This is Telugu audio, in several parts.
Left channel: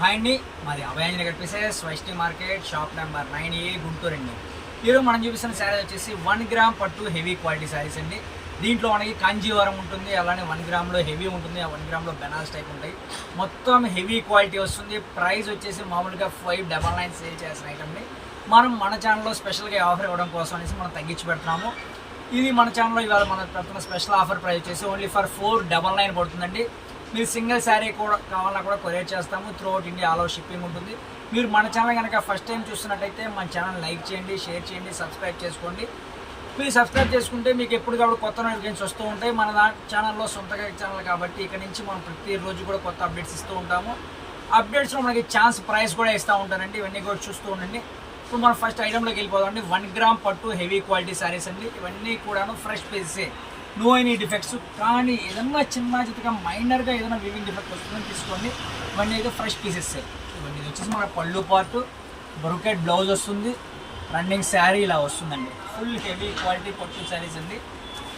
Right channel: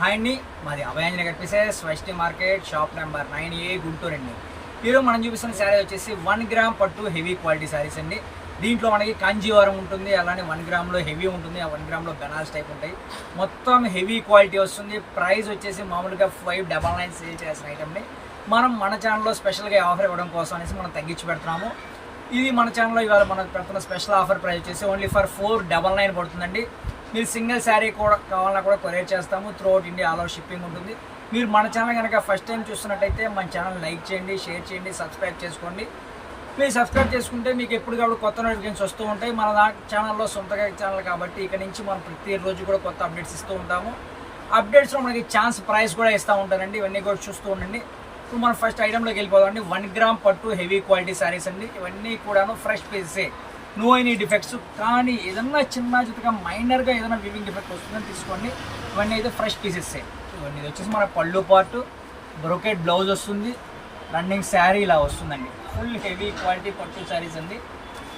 హాయ్ అండి. మాది Abhayanjana కనిపిసెస్ Vaishnavi market shop number nine A Guntur అండి. ఈరోజు మనం చూపిస్తున్న శారీ వచ్చేసి వన్ గ్రామ్ పట్టు హెవీ క్వాలిటీ శారీస్ అండి. దీంట్లో మనకి కాంజీవరం ఉంటుంది అలానే వన్ గ్రామ్లో హెవీ ఉంటుంది ఆ వన్ గ్రామ్లో బెనాల్స్ టైప్ ఉంటాయి. మొత్తం హెవీ క్వాలిటీ వస్తుంది. ప్రైస్ వచ్చేసి మామూలుగా ఫైవ్ డబల్ నైన్ సేల్ చేసిన ఐటమ్ అండి. మనం మన ఛానల్లో స్పెషల్గా ఆఫర్ ఇవ్వడం కోసం అనేసి మనం తగ్గించి పెడుతున్నాము. ఇది మన ఛానల్లో ఇవాళ మనం పెడుతున్న స్పెషల్ ఆఫర్ ప్రైస్ వచ్చేసి only for four double nine పడుతుందండి. మీరు సింగిల్ శారీ కూడా కావాలన్నా కూడా కొరియర్ చేస్తాము. Throughout India all over shipping ఉంటుంది. మీరు మన ఛానల్ కనుక ఫస్ట్ టైం చూస్తున్నట్టయితే మన ఛానల్ లైక్ చేయండి షేర్ చేయండి సబ్స్క్రైబ్ చేసుకోండి. మీరు సబ్స్క్రైబ్ చేసుకుంటే మీకు ఎప్పటికప్పుడు కొత్త నోటిఫికేషన్స్ వస్తూ ఉంటాయి. మన దా ఛానల్లో సొంతగా ఛానల్ కాబట్టి ఇక్కడ నుంచి మనం ప్రతిరోజు కూడా కొత్త అప్డేట్స్ ఇస్తూ ఉంటాము. అప్డేట్స్లో మనకి ఛాన్స్ ప్రైస్ కూడా ఇస్తూ ఉంటారండి. ఇవన్నీ కూడా చూస్తూ ఉండండి. ఇప్పుడు మనం ఫస్ట్ ఐటెంలోకి వెళ్ళిపోదామండి. వన్ గ్రామ్ పట్టు హెవీ క్వాలిటీ శారీస్ అండి. ఇవన్నీ కూడాను ఫ్రెష్ పీసే నో ఎనీ డిఫెక్ట్స్ కానీ ఏదన్నా చిన్న చిత్తగా మైనర్గా ఏదైనా వివింగ్ డిఫెక్ట్ వస్తుందని తీసుకోండి. ఇవన్నీ అయితే ఫ్రెష్ పీసెసే ఇవన్నీ ఇది వచ్చేసి మన పళ్ళు పార్ట్ బ్రొకెట్ బ్లౌజ్ వస్తుంది. రన్నింగ్ శారీ ఇలా వస్తుందండి. ఫుల్ హెవీ క్వాలిటీ పట్టు శారీస్ అండి.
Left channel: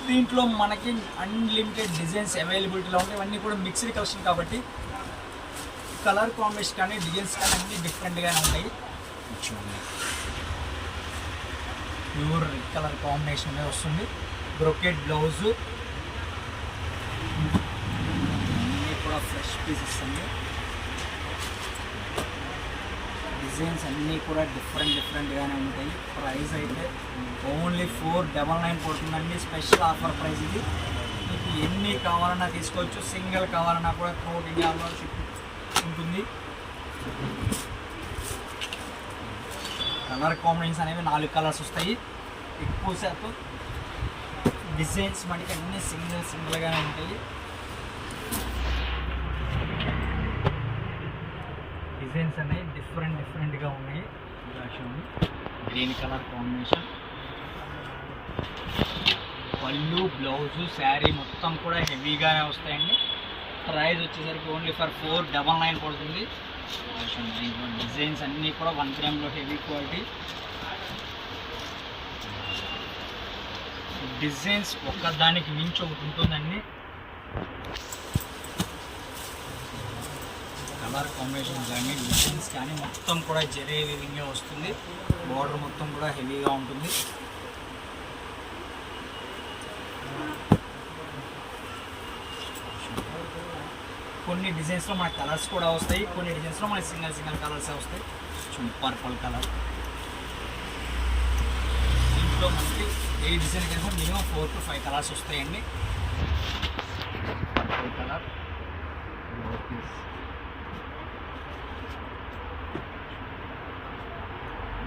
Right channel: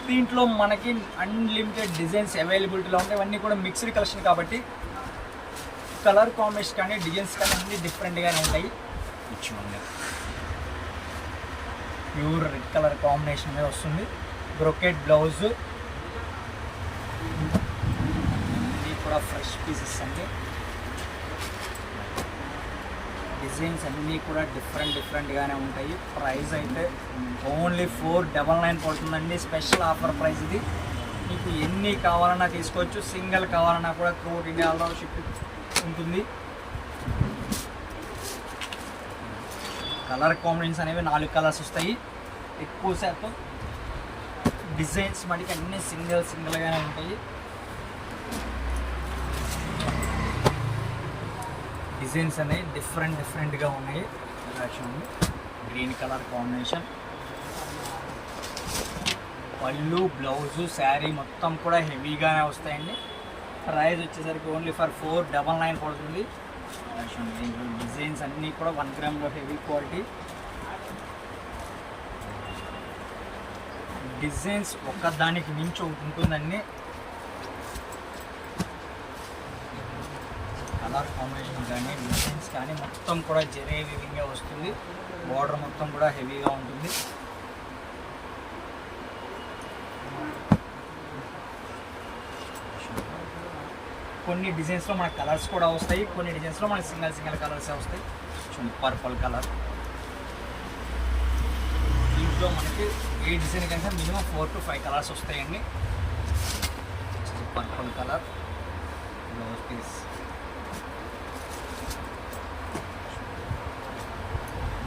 దీంట్లో మనకి అన్లిమిటెడ్ డిజైన్స్ అవైలబిలిటీలో ఉంటాయి. ఇవన్నీ కూడా మిక్స్డ్ కలెక్షన్ కాబట్టి కలర్ కాంబినేషన్ కానీ డిజైన్స్ కానీ అన్నీ డిఫరెంట్గానే ఉంటాయి. ప్యూర్ రెడ్ కలర్ కాంబినేషన్ అనేది వస్తుంది. Brocade blouse. ఇవి కూడా ఫ్రెష్ పీసెస్ అండి. డిజైన్స్ అన్నీ కూడా డిఫరెంట్ డిఫరెంట్గానే ఉంటాయి. ప్రైస్ అయితే ఓన్లీ ఫోర్ డబల్ నైన్ పడుతుందండి. స్పెషల్ ఆఫర్ ప్రైస్ ఇది. మీకు ఎన్ని కావాలన్నా తీసుకోవచ్చు. సింగిల్ కావాలన్నా కూడా త్రూట్ ఇండియాలో షిప్ ఉంటుంది. కలర్ కాంబినేషన్స్ అనేవి నాలుగు కలర్స్ వస్తాయి. ఎక్కువ శాతం డిజైన్స్ మటుకు అన్నీ సింగిల్ సింగిల్గానే ఉంటాయి. డిజైన్స్ అనేవి డిఫరెంట్ డిఫరెంట్గా ఉన్నాయి. చూడండి. Green colour combination. పళ్ళు బ్లౌజు శారీ మొత్తం కూడా హెవీగానే వస్తాయండి. ప్రైస్ వచ్చేసరికి only for four double nine పడుతుంది. చూడండి, డిజైన్స్ అన్నీ కూడా వన్ గ్రామ్లో హెవీ క్వాలిటీ. డిజైన్స్ ఒక్కదానికి మించి ఒకటి ఉంటుందండి. కలర్ కాంబినేషన్ కానీ డిజైన్స్ కానీ మొత్తం కూడా జరే విధంగా వస్తుంది. బార్డర్ మొత్తం కూడా హెవీగా ఉంటుంది. కొన్ని డిజైన్స్లో మన కలర్స్ కూడా వస్తాయి. కొన్ని డిజైన్స్లో మన సింగల్ సింగల్ కలర్స్ వస్తాయి. చూడండి పర్పుల్ కలర్ దీంట్లో మనకి ఏ డిజైన్ కంటే minimum four to five colours వస్తాయండి. Purple colour blouse piece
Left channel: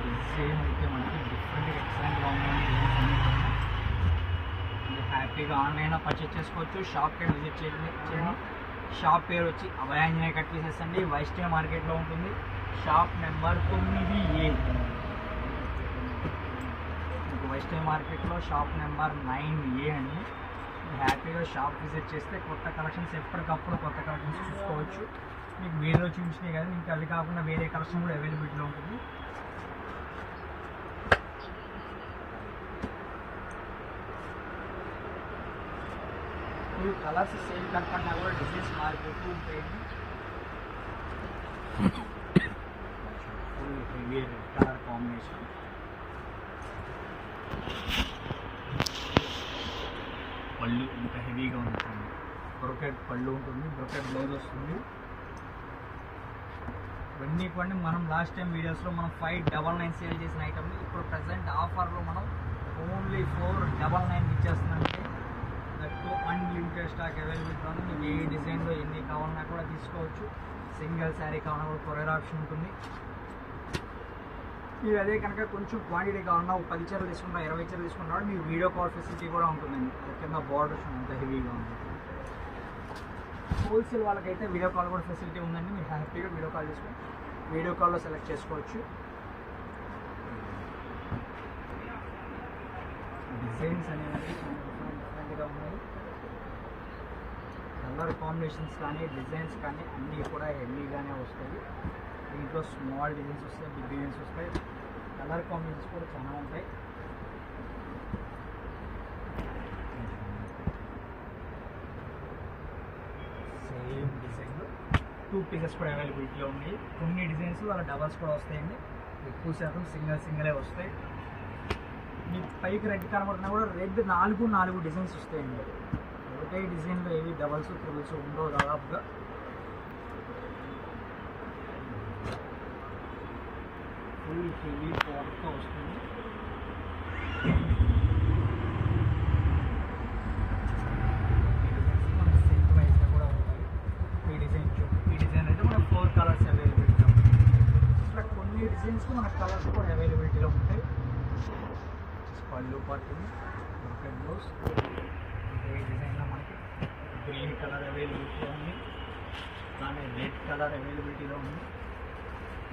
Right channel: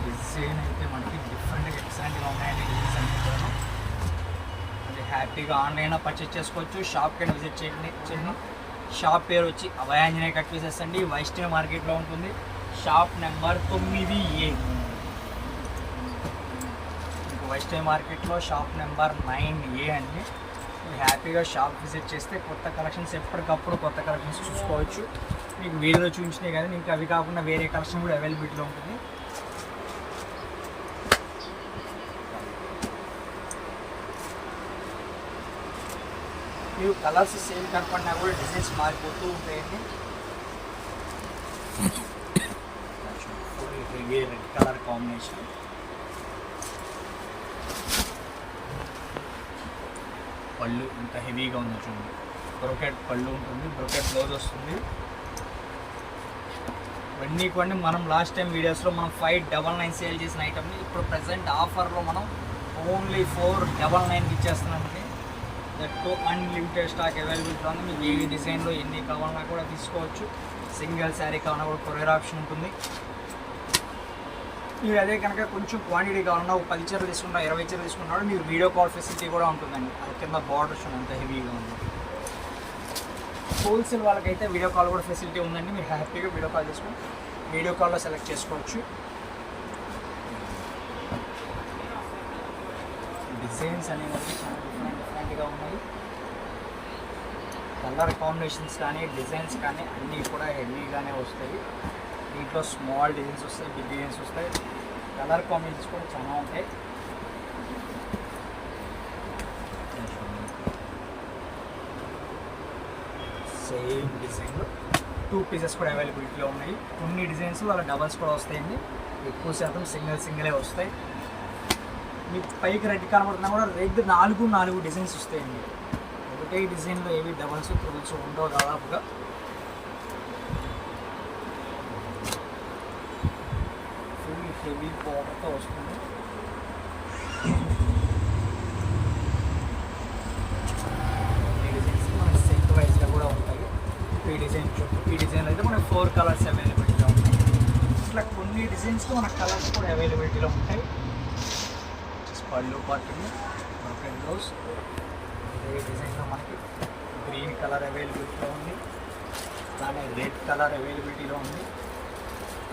design అయితే మనకి డిఫరెంట్ ఎక్సలెంట్గా ఉన్నాయండి డిజైన్స్ అన్నీ కూడా. హ్యాపీగా ఆన్లైన్లో పర్చేస్ చేసుకోవచ్చు. షాప్కి విజిట్ చేయండి. చేయండి. షాప్ పేరు వచ్చి అభయాంజనే కట్ పీసెస్ అండి. వైష్ణవ్ మార్కెట్లో ఉంటుంది. షాప్ నెంబర్ తొమ్మిది ఏ మీకు వైష్ణవి మార్కెట్లో షాప్ నెంబర్ నైన్ ఏ అండి హ్యాపీగా షాప్ విజిట్ చేస్తే కొత్త కలెక్షన్స్ ఎప్పటికప్పుడు కొత్త కలెక్షన్స్ చూసుకోవచ్చు. మీకు వీడియోలో చూపించినాయి కదా మీకు అవి కాకుండా వేరే కలెక్షన్ కూడా అవైలబిలిటీలో ఉంటుంది. మీరు కలర్స్ సేమ్ కనపడినా కూడా డిజైన్స్ మారిపోతూ ఉంటాయండి. Red colour combination. పళ్ళు ఇంత హెవీగా ఉంటుంది బ్రొకెట్ పళ్ళు ఉంటుంది బ్రొకెట్ బ్లౌజ్ వస్తుంది. ఇవన్నీ కొన్ని మనం లాస్ట్ టైం వీడియోస్లో మనం ఫైవ్ డబల్ నైన్ సేల్ చేసిన ఐటమ్ని ఇప్పుడు ప్రజెంట్ ఆఫర్లో మనం ఓన్లీ ఫోర్ డబల్ నైన్ ఇచ్చేస్తున్నామండి దట్టు అన్లిమిటెడ్ స్టాక్ అవైలబిలిటీ ఉంది మీకు ఏ డిజైన్లో ఎన్ని కావాలన్నా కూడా తీసుకోవచ్చు. సింగిల్ శారీ కావాలన్నా కూడా కొరియర్ ఆప్షన్ ఉంటుంది. మీరు అదే కనుక కొంచెం క్వాంటిటీ కావాలన్నా ఒక పది చీరలు తీసుకున్నా ఇరవై చీరలు తీసుకున్నాడు మీకు వీడియో కాల్ ఫెసిలిటీ కూడా ఉంటుందండి. అది కింద బార్డర్స్ ఎంత హెవీగా ఉంది హోల్సేల్ వాళ్ళకైతే వీడియో కాల్ కూడా ఫెసిలిటీ ఉందండి. మీరు హ్యాపీగా వీడియో కాల్ చేసుకొని వీడియో కాల్లో సెలెక్ట్ చేసుకోవచ్చు. డిజైన్స్ అనేవి చాలా డిఫరెంట్ డిఫరెంట్గా ఉన్నాయి. కలర్ కాంబినేషన్స్ కానీ డిజైన్స్ కానీ అన్నీ కూడా హెవీగానే వస్తాయి. దీంట్లో స్మాల్ డిజైన్స్ వస్తాయి బిగ్ డిజైన్స్ వస్తాయి. కలర్ కాంబినేషన్స్ కూడా చాలా ఉంటాయి. సేమ్ డిజైన్లో టూ పీసెస్ కూడా అవైలబిలిటీలో ఉన్నాయి. కొన్ని డిజైన్స్ అలా డబల్స్ కూడా వస్తాయండి. ఎక్కువ శాతం సింగిల్ సింగిలే వస్తాయి. మీకు పైకి రెడ్ కనబడుతున్నా కూడా రెడ్ నాలుగు నాలుగు డిజైన్స్ వస్తాయండి. ఒకటే డిజైన్లో ఏవి డబల్స్ త్రిబుల్స్ ఉండవు దాదాపుగా ఫుల్ హెవీ పవర్తో వస్తుంది సిల్క్ వైజ్గా కూడా ఉంటాయి ఈ డిజైన్ చూపు ఈ డిజైన్ అయితే మనకి ఫోర్ కలర్స్ అవైలబిలిటీలో ఉంటాయి. ఇట్లా కొన్ని డిజైన్స్కి మనకు కలర్స్ కూడా అవైలబిలిటీలో ఉంటాయి. పళ్ళు పట్టుని బ్రోకెన్ బ్లౌజ్ ఏ డిజైన్లో మనకి గ్రీన్ కలర్ అవైలబిలిటీలో ఉంది. అలానే రెడ్ కలర్ అవైలబిలిటీలో ఉంది.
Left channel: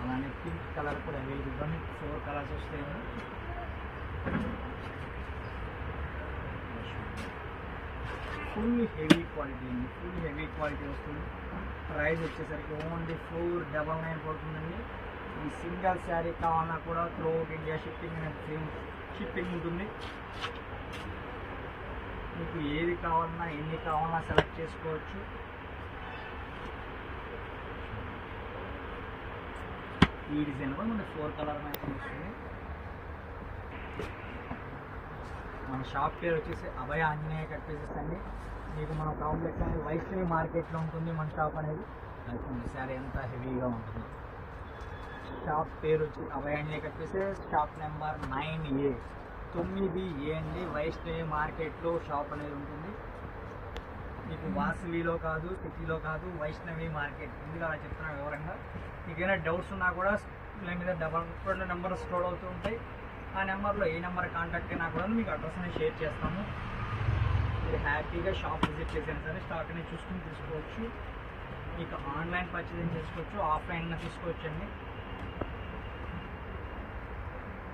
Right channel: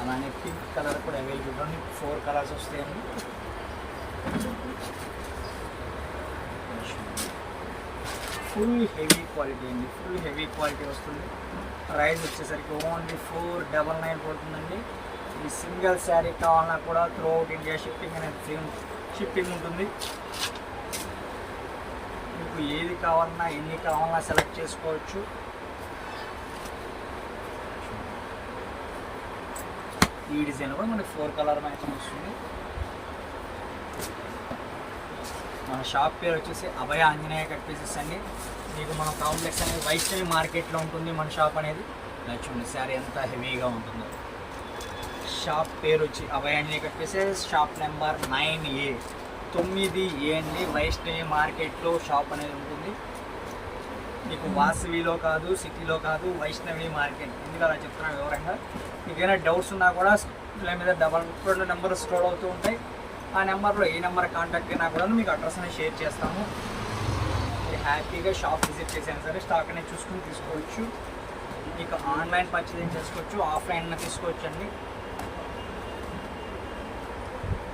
అలానే పింక్ కలర్ కూడా అవైలబుల్ ఉంది. ఫోర్ కలర్స్ వస్తాయండి. ఫుల్ హెవీ క్వాలిటీ అండి. ఫుల్ హెవీ క్వాలిటీ వస్తుంది. ప్రైస్ వచ్చేసరికి ఓన్లీ ఫోర్ డబల్ నైన్ పడుతుందండి. ఈ సింగిల్ శారీ కావాలన్నా కూడా త్రూ అవుట్ ఇండియా షిప్పింగ్ అనేది సేమ్ షిప్పింగ్ ఉంటుంది. మీకు ఏది కావాలన్నా ఎన్ని కావాలన్నా సెలెక్ట్ చేసుకోవచ్చు. ఈ డిజైన్ కూడా మనకి ఫోర్ కలర్ మ్యాచింగ్ వస్తుంది. మన షాప్ పేరు వచ్చేసి అభయ ఆంజనేయ కట్ పీసెస్ అండి. మీకు మన కాంప్లెక్స్ అనేది వైష్ణవి మార్కెట్లో ఉంటుంది మన షాప్ అనేది. చూడండి శారీ ఎంత హెవీగా ఉంటుందో. షాప్ పేరు వచ్చి Abhaya Anjaneya cut pieces shop number nine A. తొమ్మిది ఏ అండి. వైష్ణవి మార్కెట్లో షాప్ అనేది ఉంటుంది. మీకు వాసవిలో కాదు సిటీలో కాదు వైష్ణవి మార్కెట్. ఎందుకు అలా చెప్తున్నాను వివరంగా? మీకు ఏమైనా డౌట్స్ ఉన్నా కూడా ఇలా మీద డబల్ రెండు నెంబర్ స్టోర్ అవుతూ ఉంటాయి. ఆ నెంబర్లో ఏ నెంబర్ కాంటాక్ట్ అయినా కూడా మీకు అడ్రస్ అనేది షేర్ చేస్తాము. మీరు హ్యాపీగా షాప్ విజిట్ చేసినా సరే స్టాక్ అనేది చూసుకుని తీసుకోవచ్చు. మీకు ఆన్లైన్ పర్చేసింగ్ చేసుకోవచ్చు ఆఫ్లైన్ తీసుకోవచ్చు అండి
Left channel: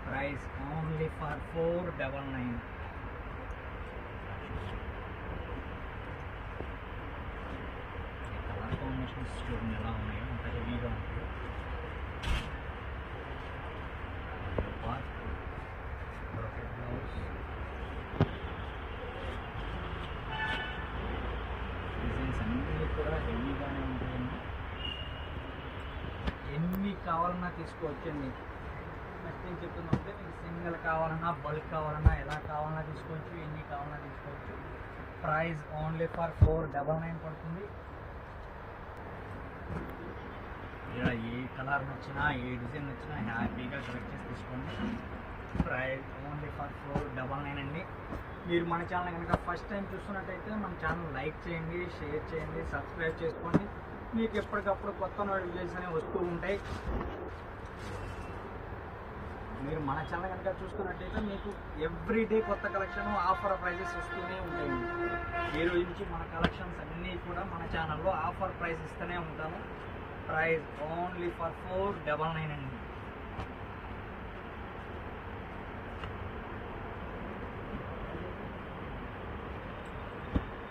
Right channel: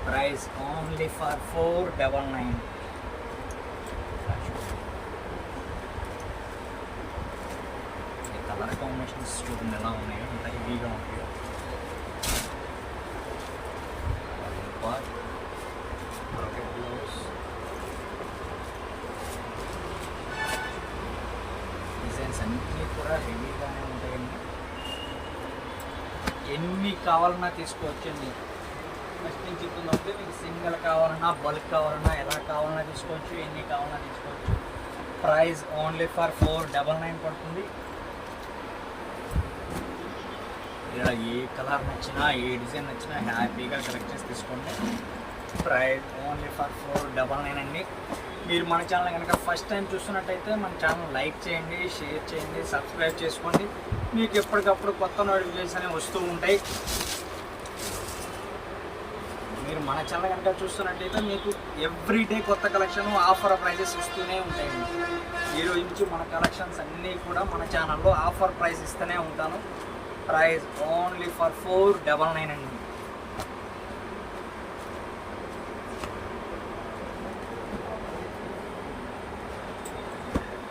price only for four double nine colour combinations చూడండి ఎలా ఉన్నాయి ఇంత హెవీగా ఉంటాయి డిజైన్స్ అన్నీ కూడా హెవీగానే ఉంటాయండి. ఎన్ని కావాలన్నా తీసుకోవచ్చండి. ఫస్ట్ నేను చెప్తున్నప్పుడు మీకు సింగిల్ కావాలన్నా బల్క్ కావాలన్నా ఎలా కావాలన్నా తీసుకోవచ్చు ఎన్ని కావాలన్నా తీసుకోవచ్చు. Price only for four double nine పడుతుంది. ఇక్కడ ఏ కలర్ నచ్చినా ఏ డిజైన్ నచ్చినా హ్యాపీగా సెలెక్ట్ చేసి తీసుకోండి. Price only for four double nine అండి. మీరు మన ఛానల్ కనుక ఫస్ట్ టైం చూస్తున్నట్టయితే మన ఛానల్ లైక్ చేయండి షేర్ చేయండి సబ్స్క్రైబ్ చేసుకోండి. మీకు ఎప్పటికప్పుడు కొత్త నోటిఫికేషన్ అనేవి వస్తూ ఉంటాయి. మీరు మన ఛానల్ కనుక చూస్తున్నట్టయితే మీకు ఎవ్రీడే కొత్త కలెక్షన్ ఆఫర్ ప్రైజెస్ ఇస్తూనే ఉంటాయండి. ఈరోజు నుంచి మన కలెక్షన్స్ అన్నీ కూడా మన ఛానల్లో ఆఫర్ ప్రైస్ ఇస్తూనే ఉంటాను. Price only for four double nine అండి.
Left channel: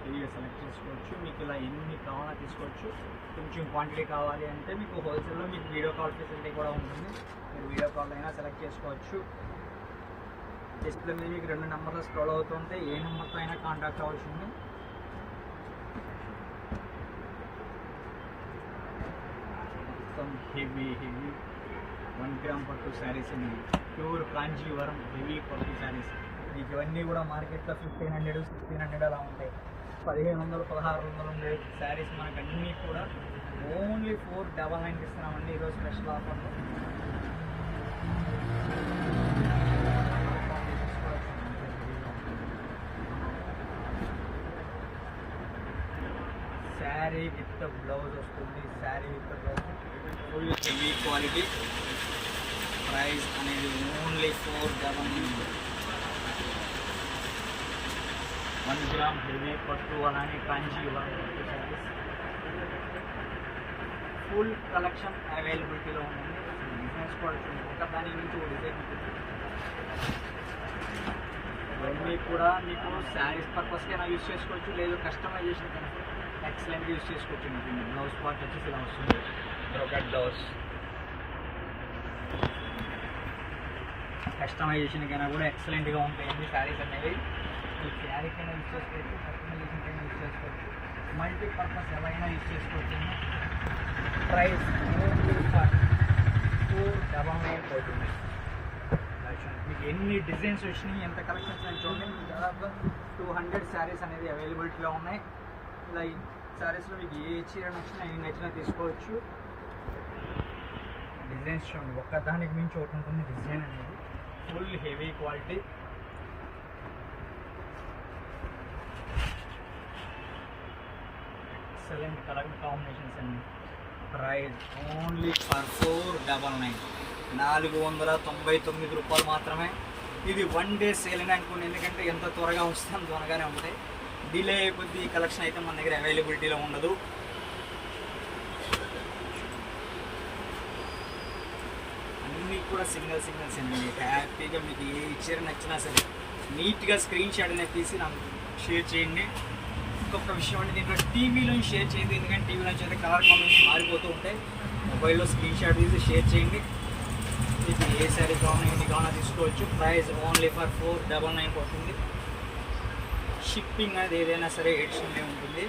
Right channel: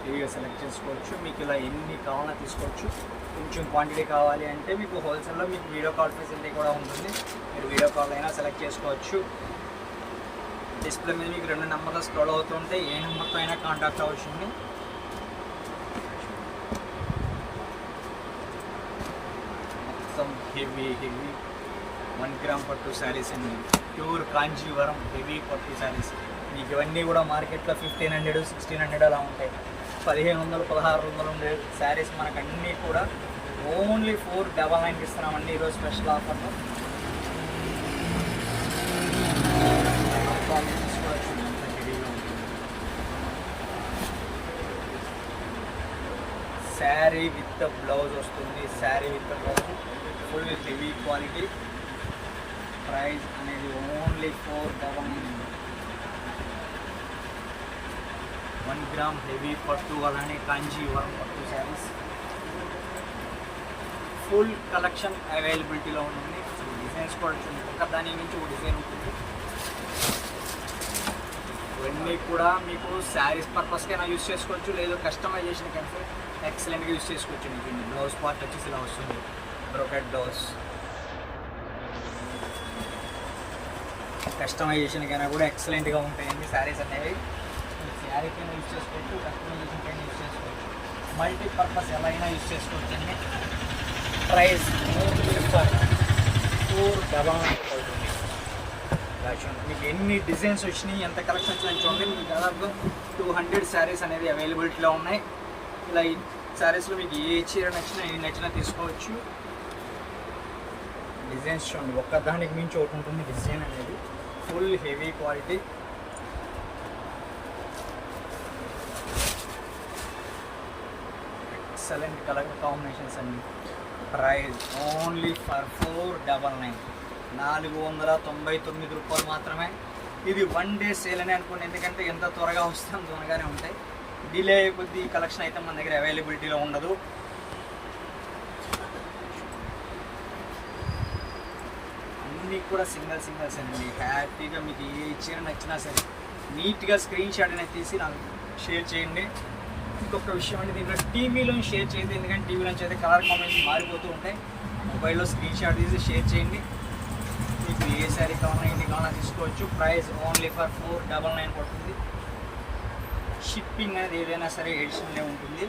ఫ్రీగా సెలెక్ట్ చేసుకోవచ్చు. మీకు ఇలా ఎన్ని కావాలన్నా తీసుకోవచ్చు. కొంచెం క్వాంటిటీ కావాలి అంటే మీకు హోల్సేల్లో మీకు వీడియో కాల్ ఫెసిలిటీ కూడా ఉంటుంది. మీరు వీడియో కాల్ అయినా సెలెక్ట్ చేసుకోవచ్చు. డిస్ప్లే మీద మీకు రెండు నెంబర్లు స్క్రోల్ అవుతుంటే ఏ నెంబర్తో అయినా కాంటాక్ట్ అవ్వచ్చు మొత్తం హెవీ హెవీ. వన్ గ్రామ్ పట్టు శారీస్ అండి. ప్యూర్ కాంజీవరం హెవీ పట్టు శారీస్. మీకు ఇవన్నీ కూడా మార్కెట్లో ఫిఫ్టీన్ హండ్రెడ్ సిక్స్టీన్ హండ్రెడ్ అలా ఉంటాయి. పదిహేను వందలు పదహారు వందలు ఉండే శారీస్ మనకు అన్నీ కూడా ఓన్లీ ఫోర్ డబల్ నైన్కి ఇస్తున్నామండి. ఈరోజు special offer sari with blouse వస్తుంది sari with blouse. Full heavy quality price అనేది only four double nine one gram heavy పట్టు అలానే కాంజీవరం పట్టు శారీస్. ఫుల్ కలెక్షన్ అవైలబిలిటీలో ఉంటుంది. డిజైన్స్ కూడా ఒక దాని నుంచి ఒక డిజైన్ ఉంటుంది. ఇవన్నీ కూడా మీకు శారీస్ పర్పస్కైనా యూస్ చేసుకోవచ్చు లేదు కస్టమైజేషన్ కంటే ఎక్సలెంట్గా యూస్ చేసుకోవచ్చు మీకు బ్లౌజ్ పార్ట్ వచ్చేసి ఇలా వస్తుంది. బ్రోకెట్ బ్లౌజ్ కస్టమైజేషన్కైనా కూడా ఎక్సలెంట్గా ఉంటాయండి శారీస్ అనేవి. మీకు శారీకైనా యూస్ చేసుకోవచ్చు కస్టమైజేషన్కైనా యూస్ చేసుకోవచ్చు. మల్టీ పర్పస్ ఎలా అయినా యూస్ చేసుకోవచ్చు అండి ప్రైస్ ఓన్లీ ఫోర్ డబా అవుతుంది. మీకు ఎన్ని డిజైన్స్ వచ్చినాయి ఎంత కలెక్షన్ వచ్చినాయి చూడండి. మీకు దాదాపు టూ హండ్రెడ్ శారీస్ అనేది అవైలబిలిటీలో ఉన్నాయి. ఇలా శారీస్లో మీకు ఏ చీర నచ్చినా ఏ నచ్చినా తీసుకోవచ్చు. డిజైన్స్ చూడండి ఒక్కదానికి మించి ఒకటి ఉంటుంది డిజైన్ అనేది. Full heavy quality excellent colour combinations అండి price only for four double nine నాలుగు వందల తొంభై తొమ్మిది రూపాయలు మాత్రమే. ఇది వన్ డే సేల్ అని అనుకోండి ఎందుకంటే ఎంత త్వరగా వస్తే అంత త్వరగానే ఉంటాయి. డిలే అయిపోద్ది కలెక్షన్ అయితే మన దగ్గర అవైలబిలిటీలో ఉండదు. అన్నీ కూడా సింగల్ సింగల్స్ అండి. హ్యాపీగా మీకు ఏ చీర నచ్చినా సరే నీట్గా స్క్రీన్ షాట్ అనేది తీసి నాకు షేర్ చేయండి. ఇంకొక విషయం అంటే దీంట్లో టీవీలో షేర్ చేయదు ఎందుకంటే టీవీలో అయితే కలర్ కాంబినేషన్ మారిపోతూ ఉంటాయి. మొబైల్లో స్క్రీన్ షాట్ తీసి షేర్ చేయండి. మీకు ఏ శారీ కావాలన్నా ఎన్ని కావాలన్నా తీసుకోవచ్చు. Price only for four double nine పడుతుంది. షిప్పింగ్ అనేది ఏదైనా సరే ఎడిషన్లే ఉంటుంది.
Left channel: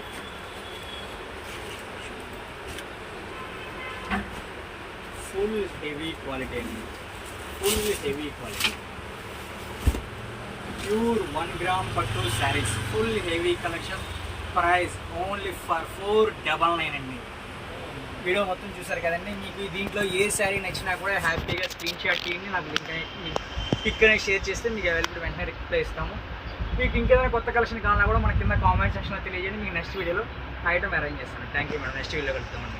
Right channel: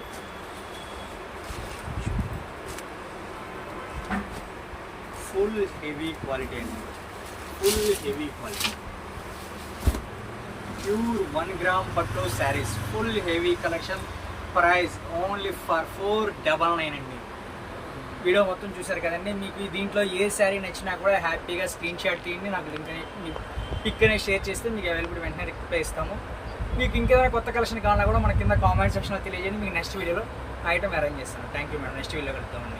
ఫుల్ హెవీ క్వాలిటీ అండి. Full heavy quality pure one gram పట్టు saris full heavy collection price only for four double nine అండి. వీడియో మొత్తం చూసారు కదండి. మీకు దీంట్లో ఏ శారీ నచ్చినా కూడా హ్యాపీగా స్క్రీన్ షాట్ తీయండి. నాకు లింక్ పిక్ అనేది షేర్ చేస్తే మీకు అవైలబుల్ వెంటనే రిప్లై ఇస్తాము. మీకు ఇంకేదైనా కొత్త కలెక్షన్ కావాలన్నా కూడా మన కింద కామెంట్ సెక్షన్లో తెలియజేయండి. మీకు నెక్స్ట్ వీడియోలో ఐటమ్ అరేంజ్ చేస్తాను. Thank you madam next video కలుద్దామండి.